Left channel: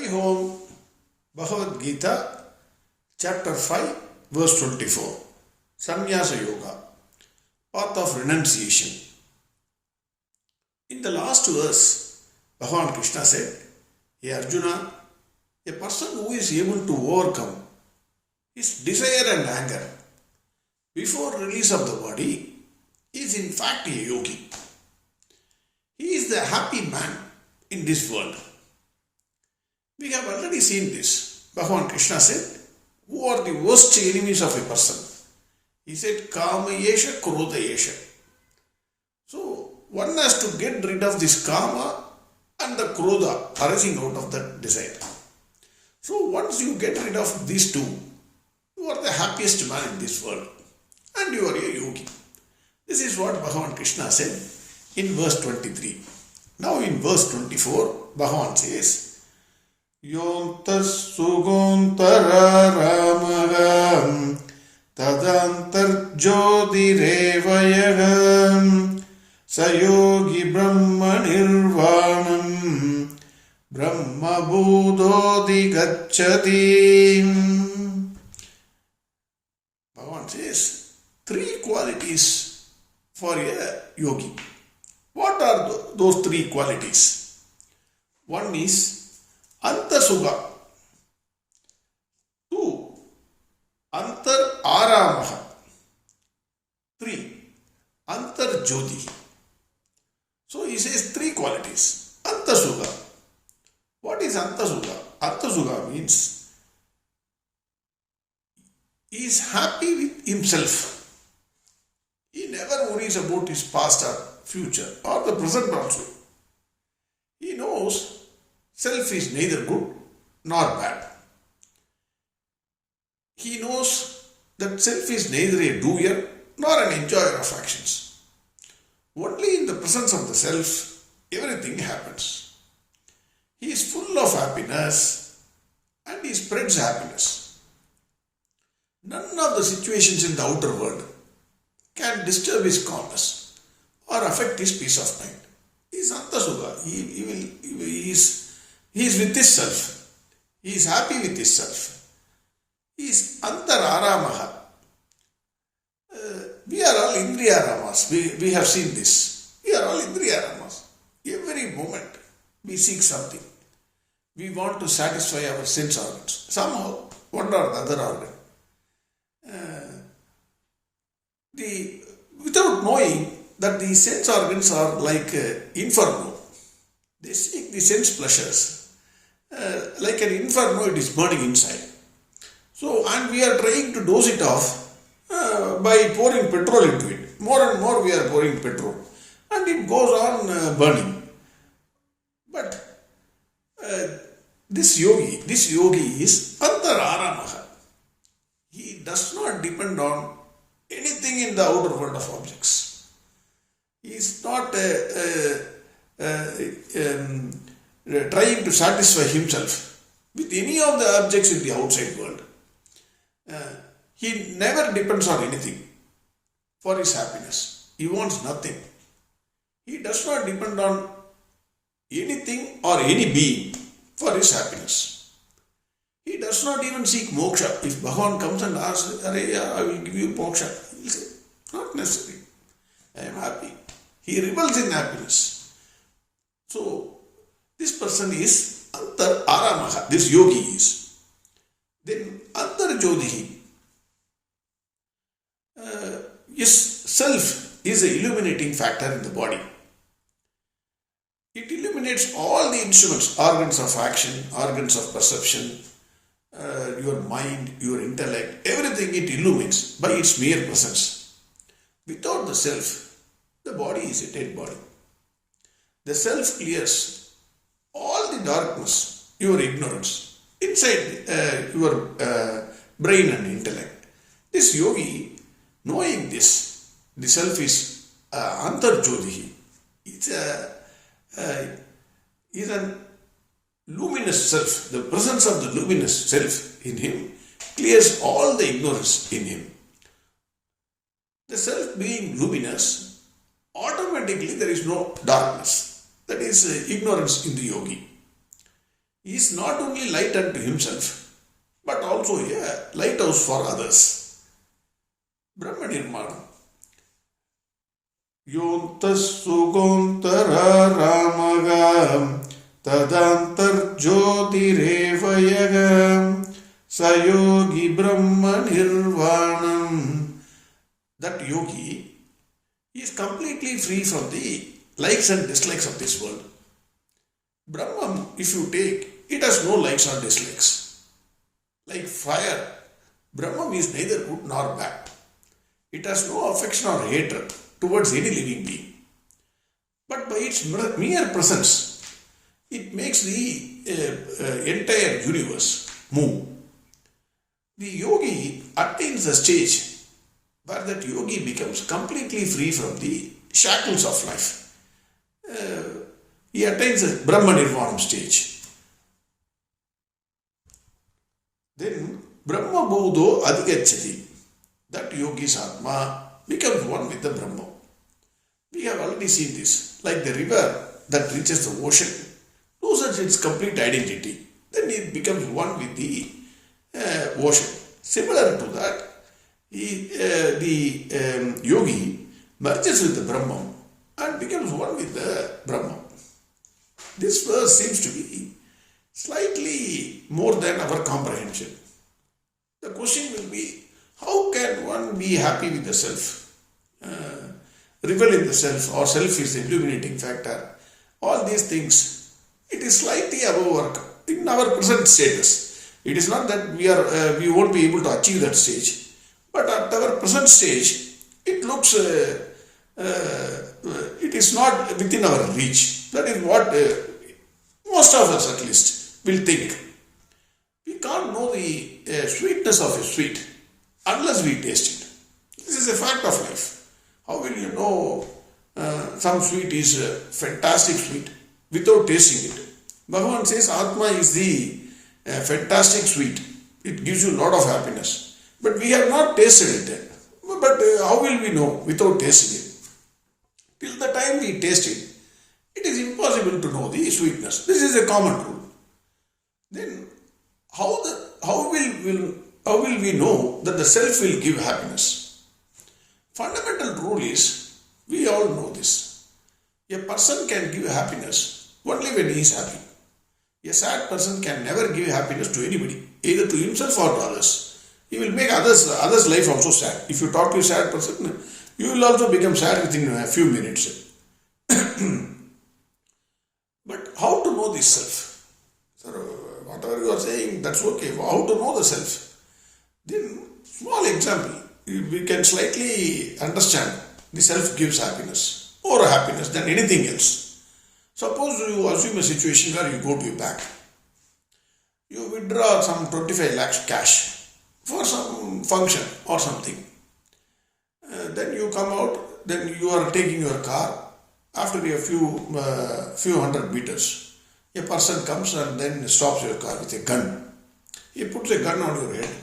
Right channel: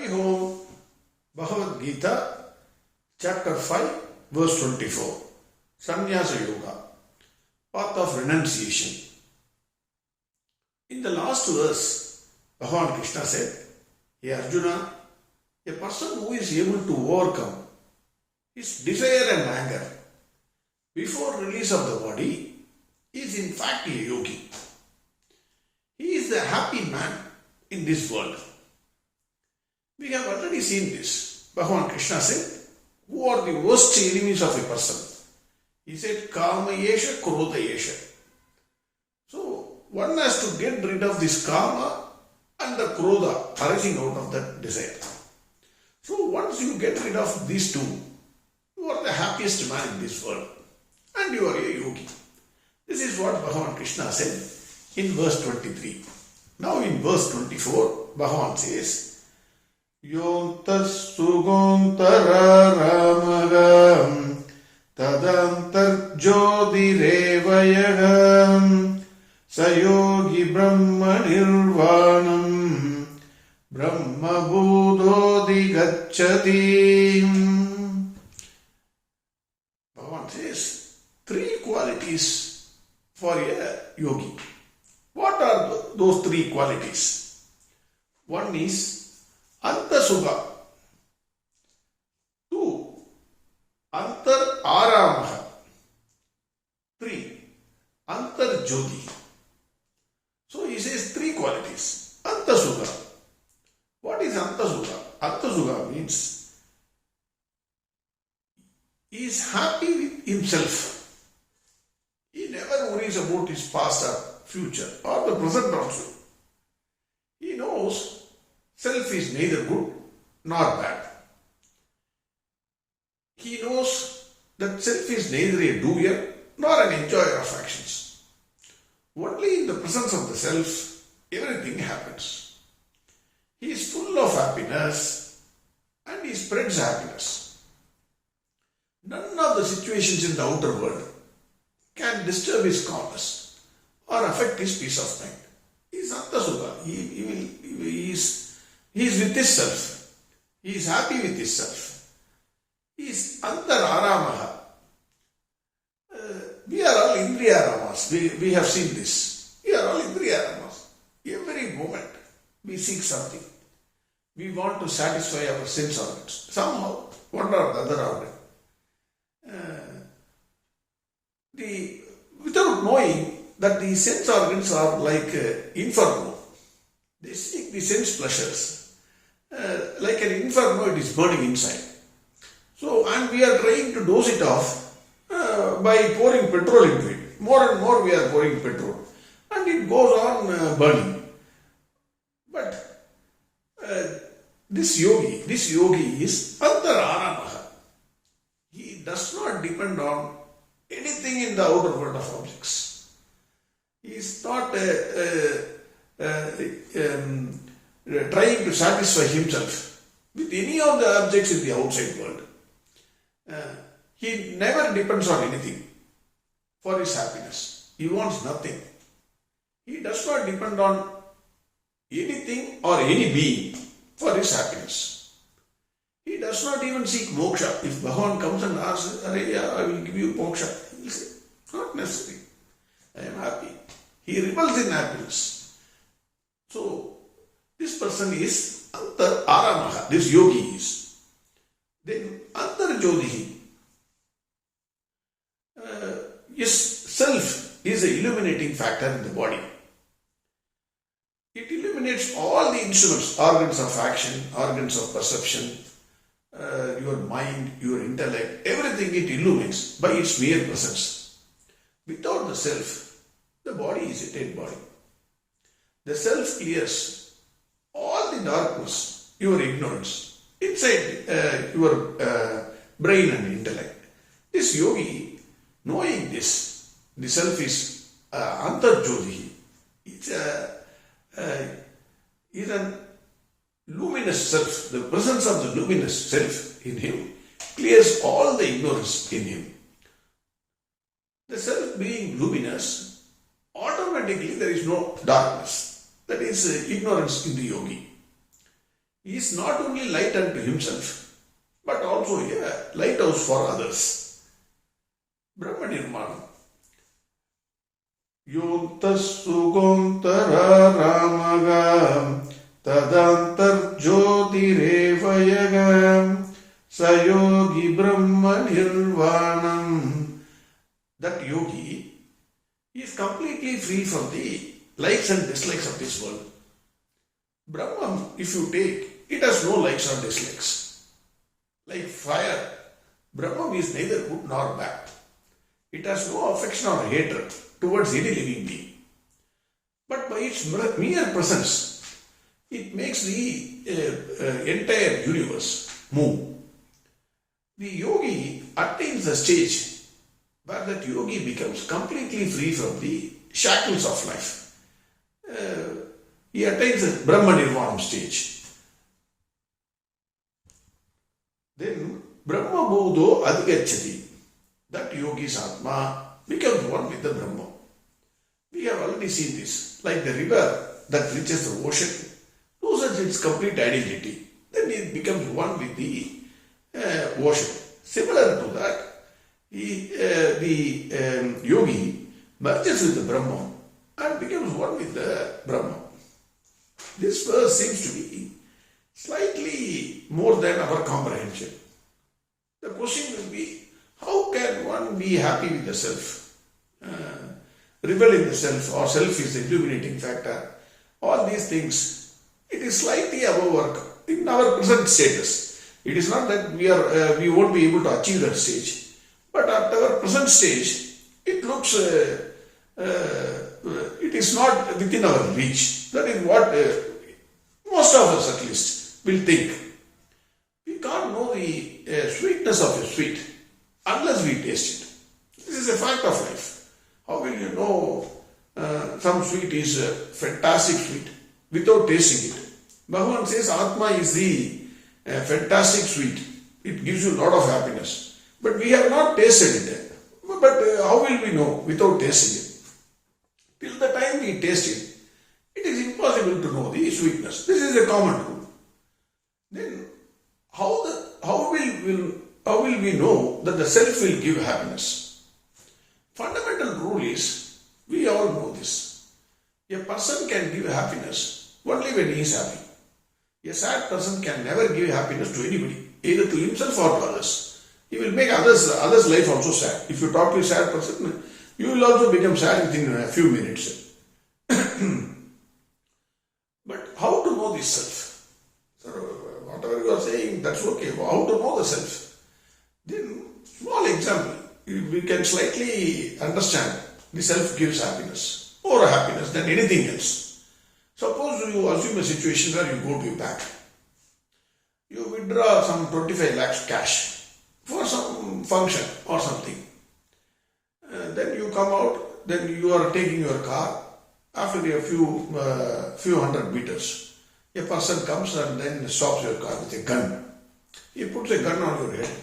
Hari Om, Bhagavad Gita, Chapter 5, Verse 24, Sannyasa Yoga, Path of Renunciation. In the last verse, Bhagavan Krishna said, Hey Arjuna, a person who is able to overcome his desire and anger before release of the body is in fact a yogi. He is the happy man in this world. We have already seen this. Bhagavan Krishna said, who are the worst enemies of a person? He said, Kama Yesha, Krodha Yesha. So, one has to get rid of this Kama and the Krodha arising out of that desire. So, once you get rid of these two, you are the happiest man in this world. And you are a yogi. This is what Bhagavan Krishna said in verse 23. Now in verse 24, Bhagavan says, Yontas suguntara ramagam tadantar jyodirevayagam sayogi brahma nirvanam brahma budodi gacchati. Bhagavan says, three qualities for a yogi. What are those three qualities? One is Antasugha. 2. Antar Aramaha. 3. Antar Jyoti. So he says three qualities. Antasugha. What is Antasugha? Antasugha means he is happy with himself. He never worries about his past or future or the present also. He knows self is neither good nor bad. He knows that self is neither a doer nor an enjoyer of actions. Only in the presence of the self, everything happens. He is full of happiness and he spreads happiness. None of the situations in the outer world can disturb his calmness or affect his peace of mind. He is Antasugha. He is with his self. He is happy with his self. He is Antar Aramaha. We are all Indriya Ramas. We have seen this. We are all Indriya Ramas. Every moment we seek something. We want to satisfy our sense organs. Somehow, one or the other organ. Without knowing that the sense organs are like inferno. They seek the sense pleasures. Like an inferno, it is burning inside. So, and we are trying to dose it off by pouring petrol into it. More and more we are pouring petrol. And it goes on burning. But this yogi is Antar Aramaha. He does not depend on anything in the outer world of objects. He is not trying to satisfy himself with any of the objects in the outside world. He never depends on anything for his happiness. He wants nothing. He does not depend on anything or any being for his happiness. He does not even seek moksha. If Bhagavan comes and asks, I will give you moksha, he will say, not necessary. I am happy. He revels in happiness. So, this person is Antar Aramaha, this yogi is. Then Antar Jyoti, his self is the illuminating factor in the body. It illuminates all the instruments, organs of action, organs of perception, your mind, your intellect, everything it illumines by its mere presence. Without the self, the body is a dead body. The self clears all the darkness, your ignorance, inside your brain and intellect. This yogi, knowing this, the self is Antar Jyoti. Is a luminous self. The presence of the luminous self in him clears all the ignorance in him. The self being luminous, automatically there is no darkness. That is ignorance in the yogi. He is not only light unto himself, but also a lighthouse for others. Brahman Nirmanam. Yontas Sugontara Ramaga Tadantar Jyotirevayagam Sayogi Brahman Nirvanam. That yogi is completely free from the likes and dislikes of this world. Brahman, if you take, it has no likes or dislikes. Like fire, Brahman is neither good nor bad. It has no affection or hatred towards any living being. But by its mere presence, it makes the entire universe move. The yogi attains the stage where that yogi becomes completely free from the shackles of life. He attains the Brahman Nirvana stage. Then Brahma Bodho Adhigacchati. That yogi's Atma becomes one with the Brahma. We have already seen this. Like the river that reaches the ocean, loses its complete identity. Then it becomes one with the ocean. Similar to that, the yogi merges with the Brahma and becomes one with the Brahma. This verse seems to be slightly more than our comprehension. The question will be, how can one be happy with the self? Revel in the self, or self is the illuminating factor. All these things, it is slightly above in our present status. It is not that we won't be able to achieve that stage. But at our present stage, it looks, it is not within our reach. That is what most of us at least will think. We can't know the sweetness of a sweet unless we taste it. This is a fact of life. How will you know some sweet is a fantastic sweet without tasting it? Bhagavan says Atma is the fantastic sweet. It gives you a lot of happiness. But we have not tasted it. But how will we know without tasting it? Till the time we taste it, it is impossible to know the sweetness. This is a common rule. Then how will we know that the self will give happiness? Fundamental rule is, we all know this. A person can give happiness only when he is happy. A sad person can never give happiness to anybody, either to himself or to others. He will make others' life also sad. If you talk to a sad person, you will also become sad within a few minutes. But how to know this self? So whatever you are saying, that's okay. How to know the self? Then, small example, we can slightly understand the self gives happiness, more happiness than anything else. Suppose you assume a situation where you go to a bank. You withdraw some 25 lakhs cash for some function or something. Then you come out, then you are taking your car. After a few hundred meters, a person comes and then stops your car with a gun. He puts a gun on your head.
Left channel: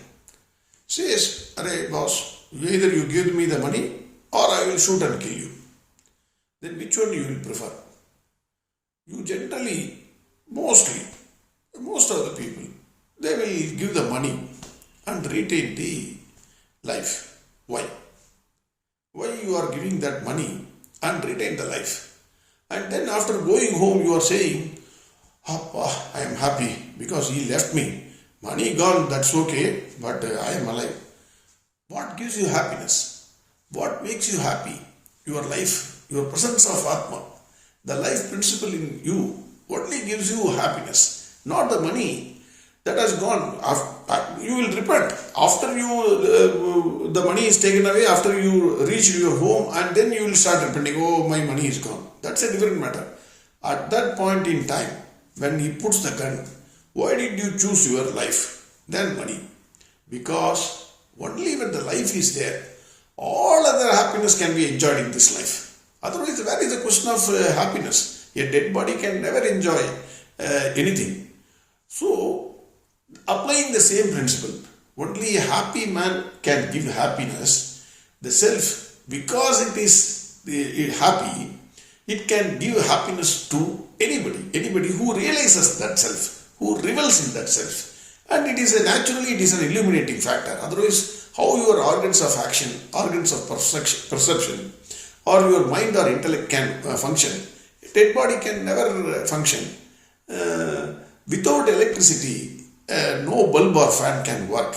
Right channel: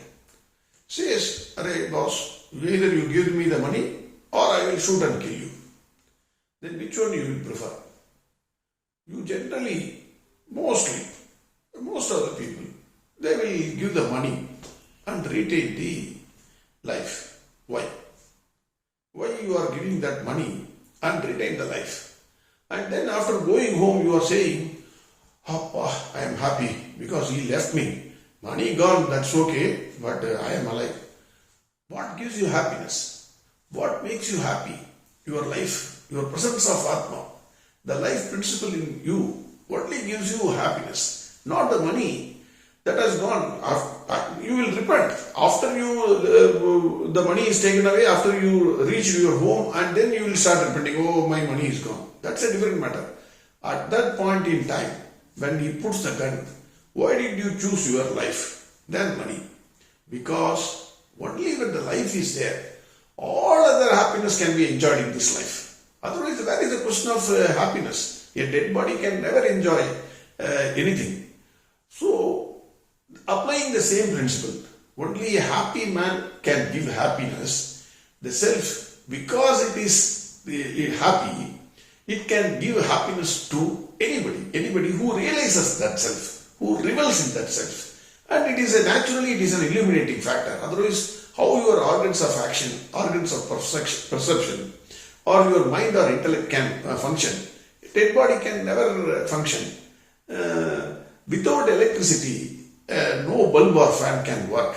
Says, "Arey boss, either you give me the money or I will shoot and kill you." Then which one you will prefer? You generally, most of the people, they will give the money and retain the life. Why? Why you are giving that money and retain the life? And then after going home you are saying, "Appa, I am happy because he left me. Money gone, that's okay, but I am alive." What gives you happiness? What makes you happy? Your life, your presence of Atma, the life principle in you only gives you happiness, not the money that has gone. You will repent after the money is taken away, after you reach your home, and then you will start repenting. Oh, my money is gone. That's a different matter. At that point in time, when he puts the gun, why did you choose your life than money? Because only when the life is there, all other happiness can be enjoyed in this life. Otherwise, where is the question of happiness? A dead body can never enjoy anything. So, applying the same principle, only a happy man can give happiness. The self, because it is happy, it can give happiness to anybody who realizes that self. who revels in that self. And it is an illuminating factor. Otherwise, how your organs of action, organs of perception, or your mind or intellect can function. A dead body can never function. Without electricity, no bulb or fan can work.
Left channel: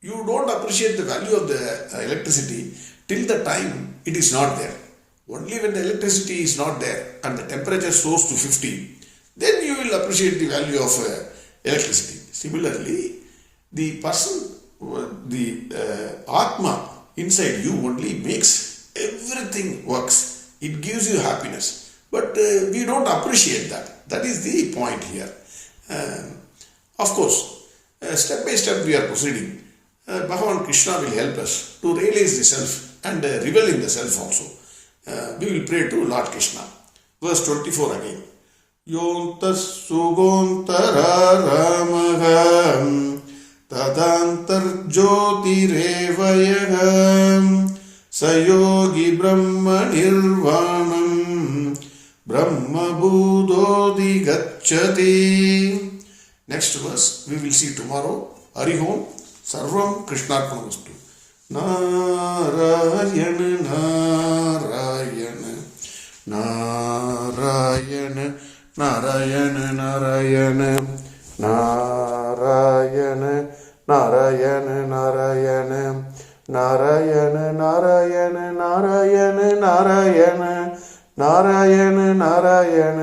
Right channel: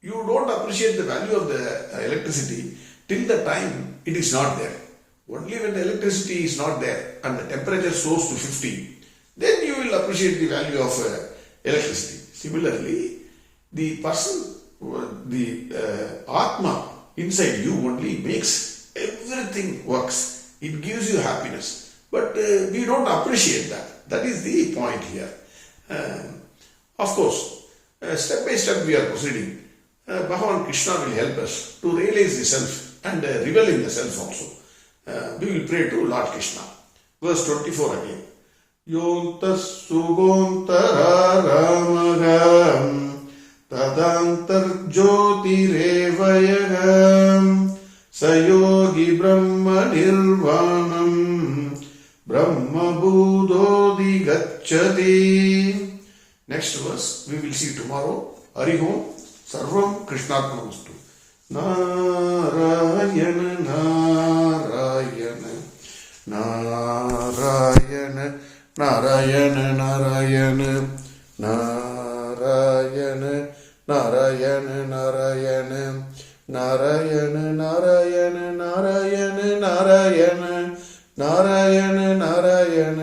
You don't appreciate the value of the electricity till the time it is not there. Only when the electricity is not there and the temperature soars to 50, then you will appreciate the value of electricity. Similarly, the person, the Atma inside you only makes everything works. It gives you happiness. But we don't appreciate that. That is the point here. Of course, step by step we are proceeding. Bhagavan Krishna will help us to realize the self and revel in the self also. We will pray to Lord Krishna. Verse 24 again. Yontas sugontara ramagam tadantar jyotirevayagam sayogi brahma nirvanam brahma budodhi gacchati. Next verse we will see tomorrow. Hari Om. Sarvam Krishnarpanastu. Narayana Narayana Narayana Narayana Narayana Narayana Narayana Narayana Narayana Narayana Narayana Narayana Narayana Narayana